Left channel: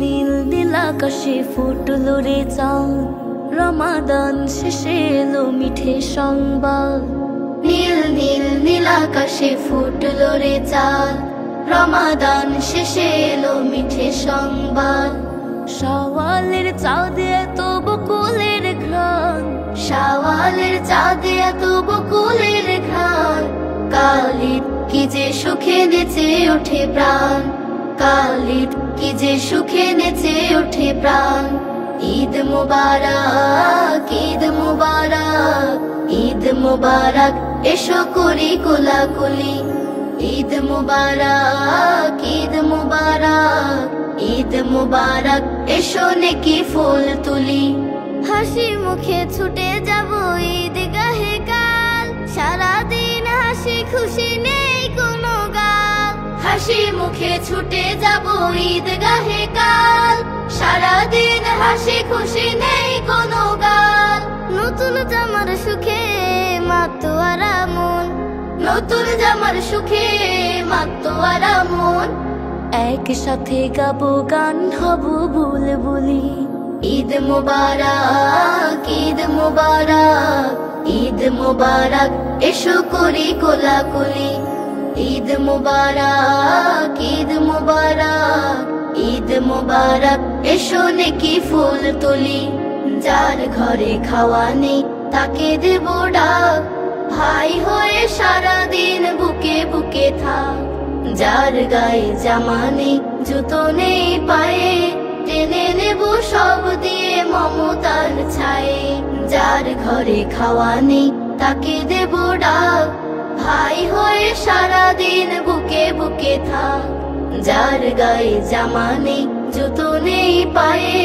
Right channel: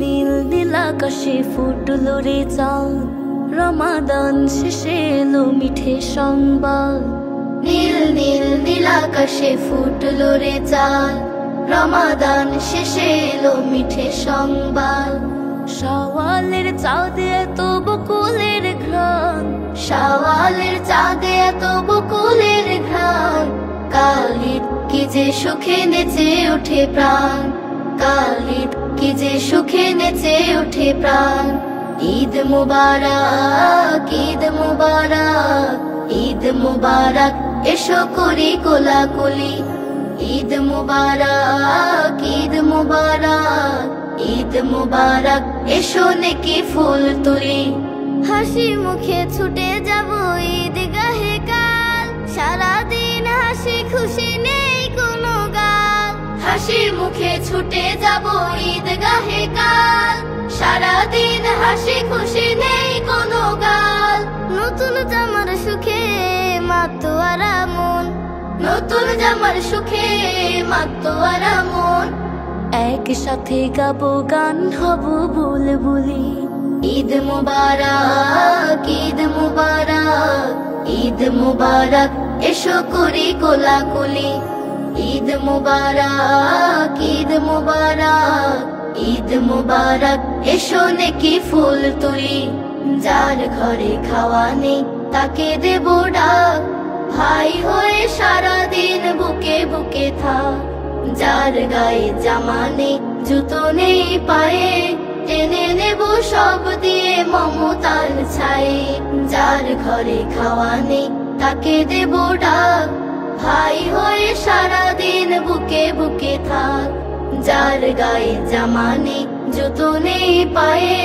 নীল নীল আকাশে ফুটলো রে চাঁদ, রমাদান শেষে এলো মিঠে সংবাদ। নীল নীল নীল আকাশে ফুটলো রে চাঁদ, রমাদান শেষে এলো মিঠে সংবাদ। শাওয়ালের চাঁদে এত বকুলের ঘ্রাণ, শাওয়ালের চাঁদে এত বকুলের ঘ্রাণ। কালিদ কি যে সুখে নেচে ওঠে প্রাণ, কালিদ কি যে সুখে নেচে ওঠে প্রাণ। ঈদ মুবারক, ঈদ মুবারক, ঈদ মুবারক, এসো করি কোলাকুলি। ঈদ মুবারক, ঈদ মুবারক, ঈদ মুবারক, এসো নেকি ফুল তুলি। হাসি মুখে ছুটে যাব ঈদগাহে কাল, সারাদিন হাসি খুশি নেই কোনো গাল। হাসি মুখে ছুটে যাব ঈদগাহে কাল, সারাদিন হাসি খুশি নেই কোনো গাল। নতুন জামার সুখে মাতোয়ারা মন, নতুন জামার সুখে মাতোয়ারা মন। একসাথে গাবো গান হব বুলবুলি। ঈদ মুবারক, ঈদ মুবারক, ঈদ মুবারক, এসো করি কোলাকুলি। ঈদ মুবারক, ঈদ মুবারক, ঈদ মুবারক, এসো নেকি ফুল তুলি। যার ঘরে খাওয়া নেই তাকে দেব ডাক, ভাই হয়ে সারাদিন বুকে বুকে থাক। যার গায়ে জামা নেই জুতো নেই পায়ে, টেনে নেব সব দিয়ে মমতার ছায়ে। যার ঘরে খাওয়া নেই তাকে দেব ডাক, ভাই হয়ে সারাদিন বুকে বুকে থাক। যার গায়ে জামা নেই জুতো নেই পায়ে,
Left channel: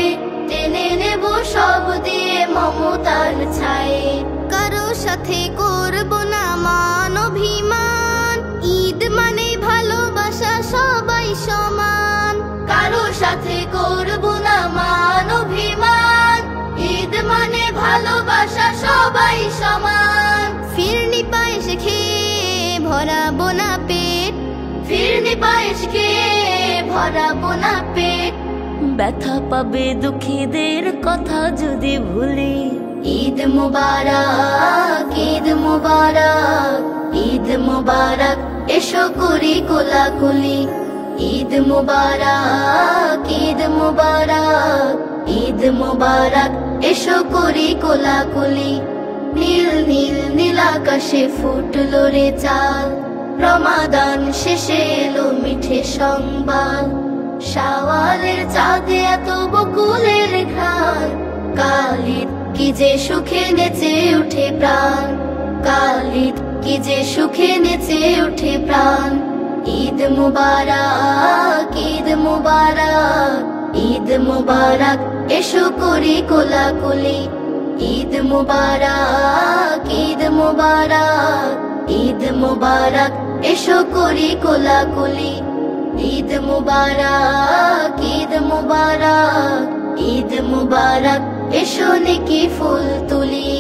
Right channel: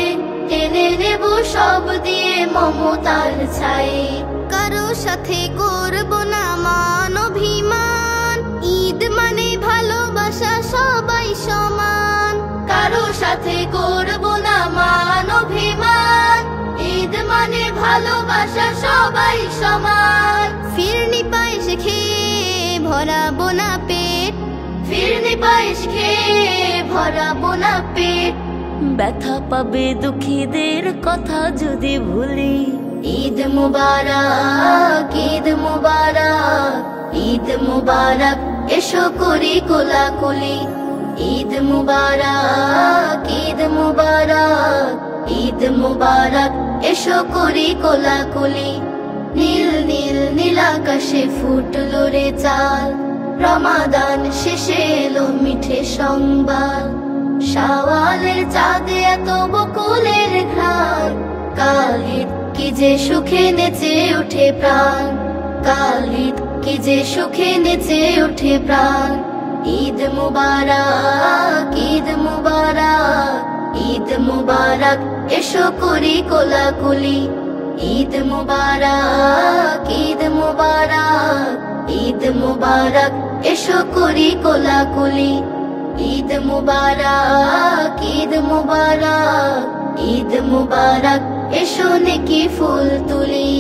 টেনে নেব সব দিয়ে মমতার ছায়ে। কারো সাথে করব না মান অভিমান, ঈদ মানে ভালোবাসা সবাই সমান। কারো সাথে করব না মান অভিমান, ঈদ মানে ভালোবাসা সবাই সমান। ফিরনি পায়েস খেয়ে ভরাবো না পেট, ফিরনি পায়েস খেয়ে ভরাবো না পেট। ব্যথা পাবে দুঃখীদের কথা যদি ভুলি। ঈদ মুবারক, ঈদ মুবারক, ঈদ মুবারক, এসো করি কোলাকুলি। ঈদ মুবারক, ঈদ মুবারক, ঈদ মুবারক, এসো করি কোলাকুলি। নীল নীল নীল আকাশে ফুটলো রে চাঁদ, রমাদান শেষে এলো মিঠে সংবাদ। শাওয়ালের চাঁদে এত বকুলের ঘ্রাণ, কালিদ কি যে সুখে নেচে ওঠে প্রাণ, কালিদ কি যে সুখে নেচে ওঠে প্রাণ। ঈদ মুবারক, ঈদ মুবারক, ঈদ মুবারক, এসো করি কোলাকুলি। ঈদ মুবারক, ঈদ মুবারক, ঈদ মুবারক, এসো করি কোলাকুলি। ঈদ মুবারক, ঈদ মুবারক, ঈদ মুবারক, এসো নেকি ফুল তুলি।